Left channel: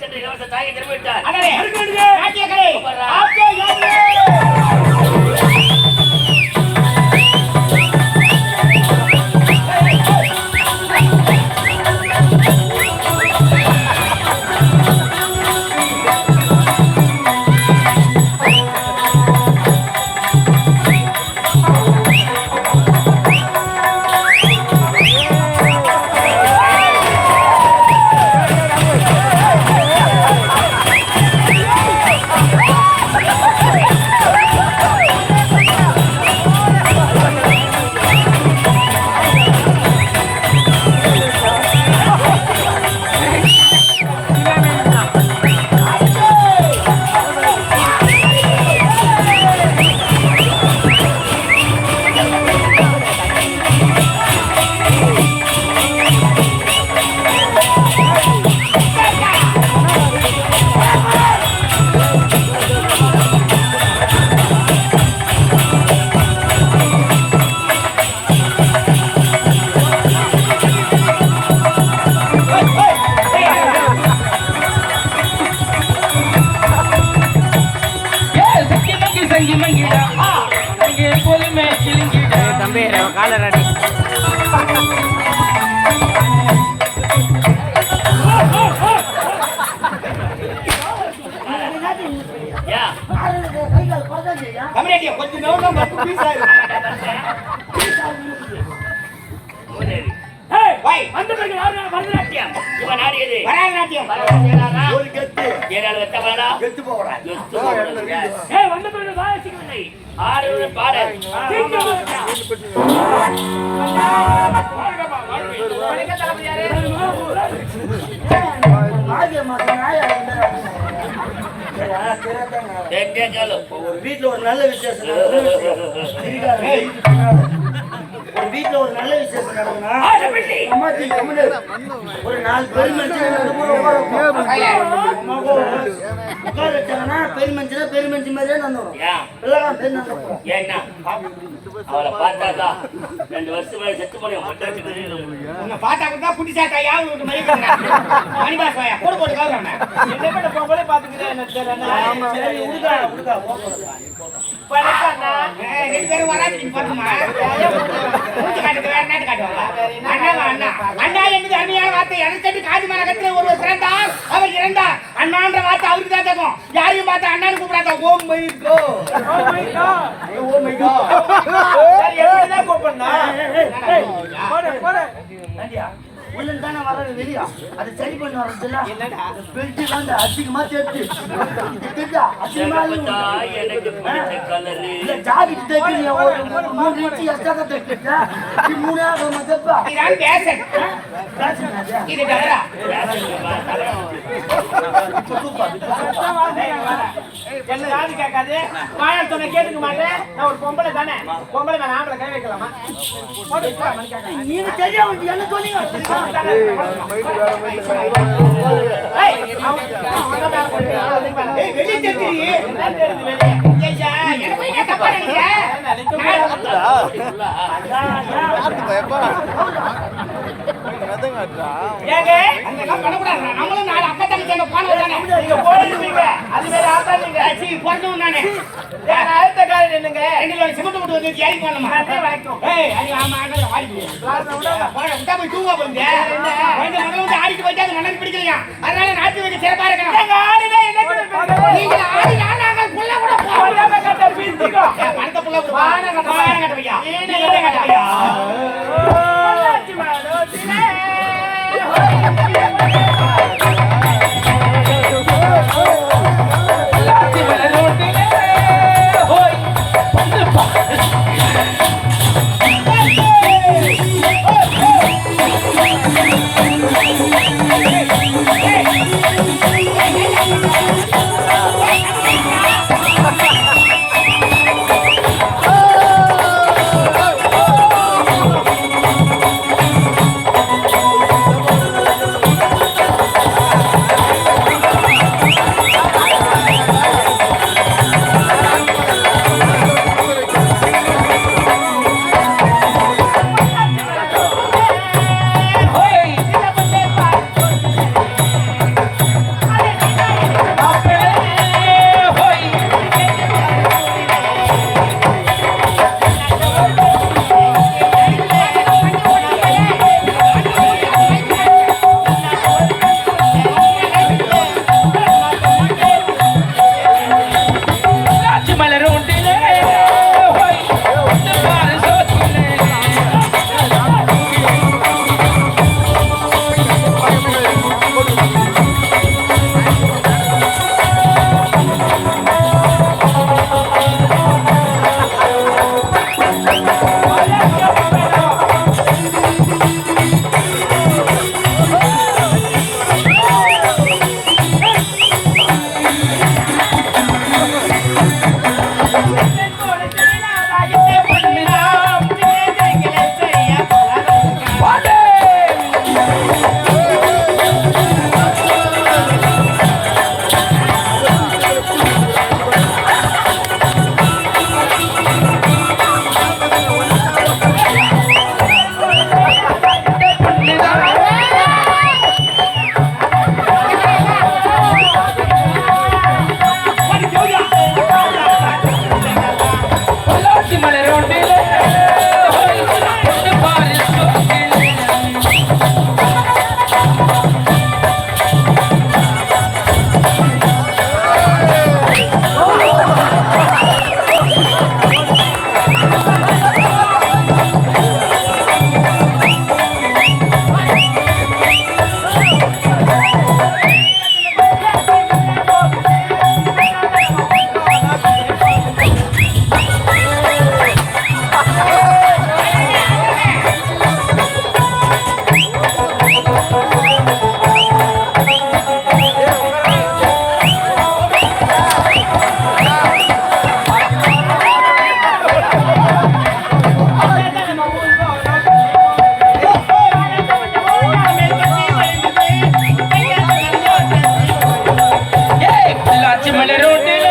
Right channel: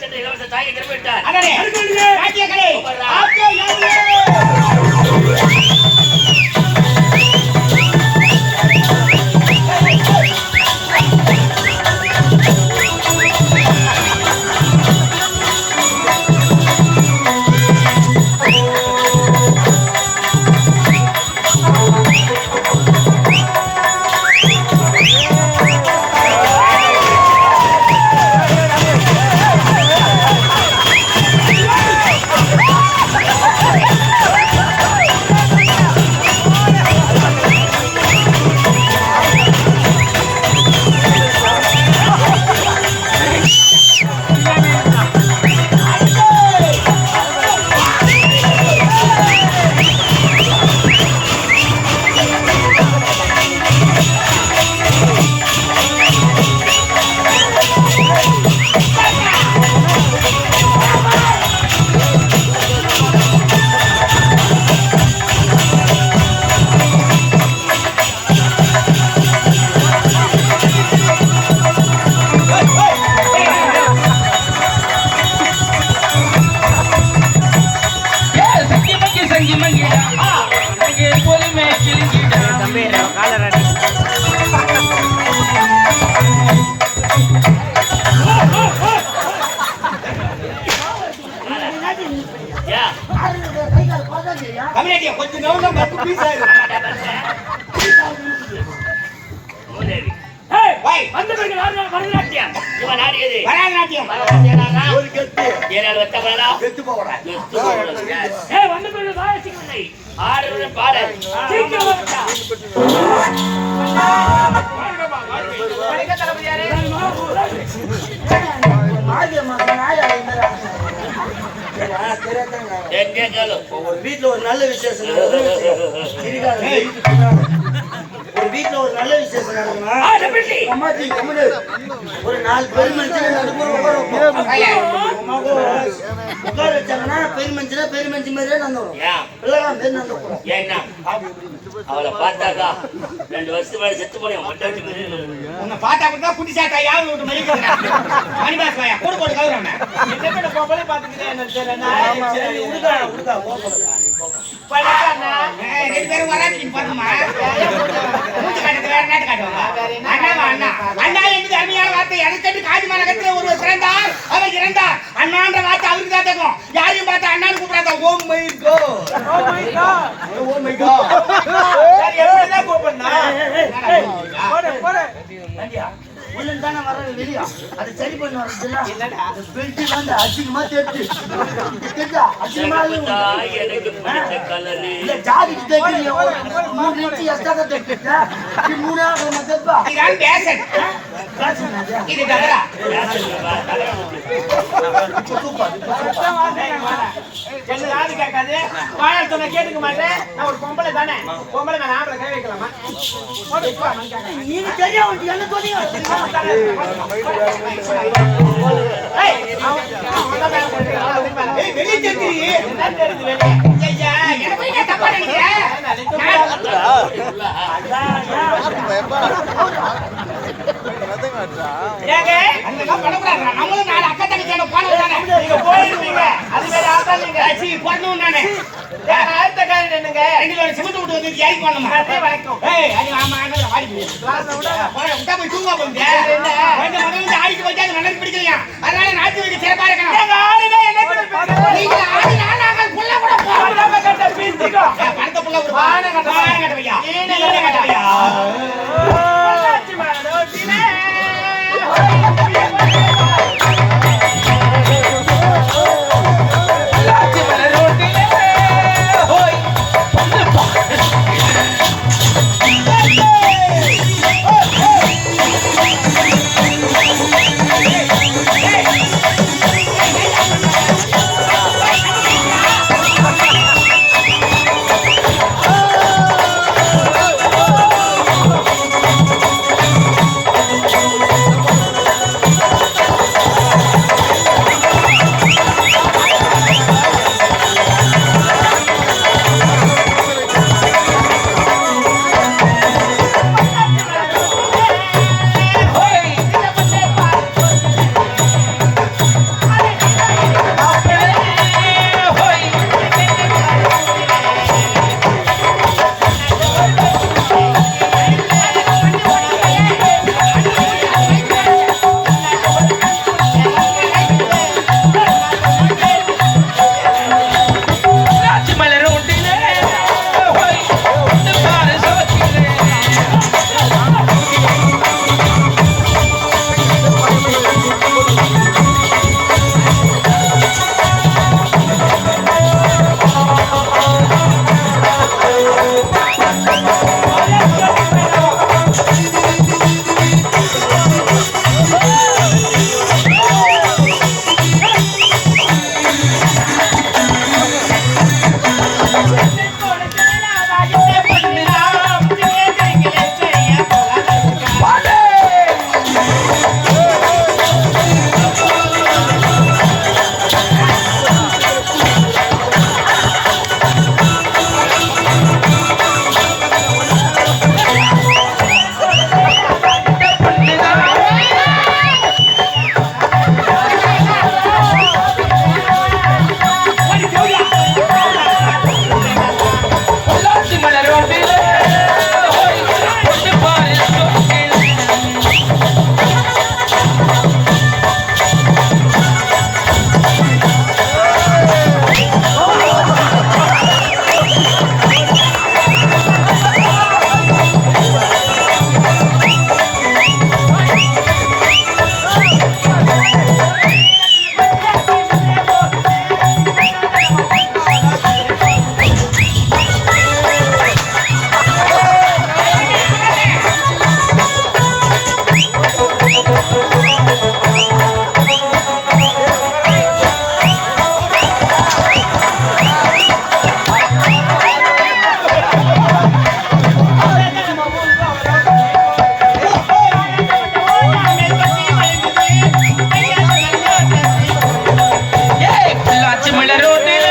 சென்று இளவரசர் தாயை திரும்பி விட்டார். வீட்டுல ஒரு நல்ல விசேஷம் ஒரு வீட்டுல ஒரு நல்ல விசேஷம் நடக்குன்னா ஒரு 4 பெருமஞ்சள் உட்கார வச்சாங்கன்னா பெருமஞ்சி மாதிரியே நடந்துடும். பிள்ளைலாம் பேர் நடந்துடும். ஏன்னா அவளை பார்த்தாக்கா 2 வருஷம் மேல செத்து போனேன். உன்னை பார்த்தா கூட குட்டி சாட்டா யாவது விட்டு மதிக்கிறேன். மணிபாசாயா போடு போட்டு கவுறானே என்ன போகலே பாத்துக்கிறேன். என்ன தெரியல உடுகா படக்கானா 2 பேரும் வராதீங்க பாத்துமா மூச்சு காட்டுறது வேற நாட்டு காட்டுவாங்க. அண்ணா என்பது அருமையான வார்த்தை. எனக்கு காஞ்சி மாநகரத்தில் ஒருவர் பிறந்தார், அவர் இறந்தார். அண்ணான்ற வார்த்தை அவருக்கு தான் தகும். யாரையும் பார்த்தா அண்ணான்னு கூப்பிடாத. Oh my god oh my god oh my god சரி எப்படிதான் கூப்பிடனா போடு நந்தியா உள்ளன் தான வரது வெளியா அது சரி பண்ண வரதுல என்னடா பெல்ட் தான் அசிங்கமா தெரிஞ்சு கேட்டா அசிங்கமா எனக்கு பிடிச்ச கலர் இல்ல ஜாக்கெட் தேக்கிங்க ஒரு 3 இன்ச் எக்ஸ்ட்ரா தேக்கிட்டா நீ 3 ஆக மதப்பா நான் பேசன் இது டகரா என்ன ஜாதி கேட்காது வாயால் சொன்ன கேட்டுக்க மாட்டேன். நான் ஒரு பொம்பளை தானே, பொம்பளை மேல ஆம்பளை கை வைக்கலாமா? நீ தெரியாம என்ன சொன்னீங்க? நம்மளும் 4 அக்கா தங்கச்சி போன போயிருப்பீங்க. அது வேற ஆத்தாதீங்க போடணும். நானே அடுத்த காலம் என்னங்க 2 சிமெண்ட் விட்டு வந்து ஏறி போடணுமா? வணக்கம். ஆமா வாடி போய் தூங்க போகுது. வந்து ஆடிட்டு போயிட்டு அது நல்லது பிடிக்கலையா? அதனால நாட்டு வைக்க சிறப்பா இருக்கணும். ஆடினா என்ன நாங்கள் புள்ள கூட போறோம். கட்ட பீசிக்கோ பணத்தை புள்ள ஒரு பானை கட்ட வையா ஏனே கட்ட வையா மாரோட்டினே காட்சி மலர் ரோட்டில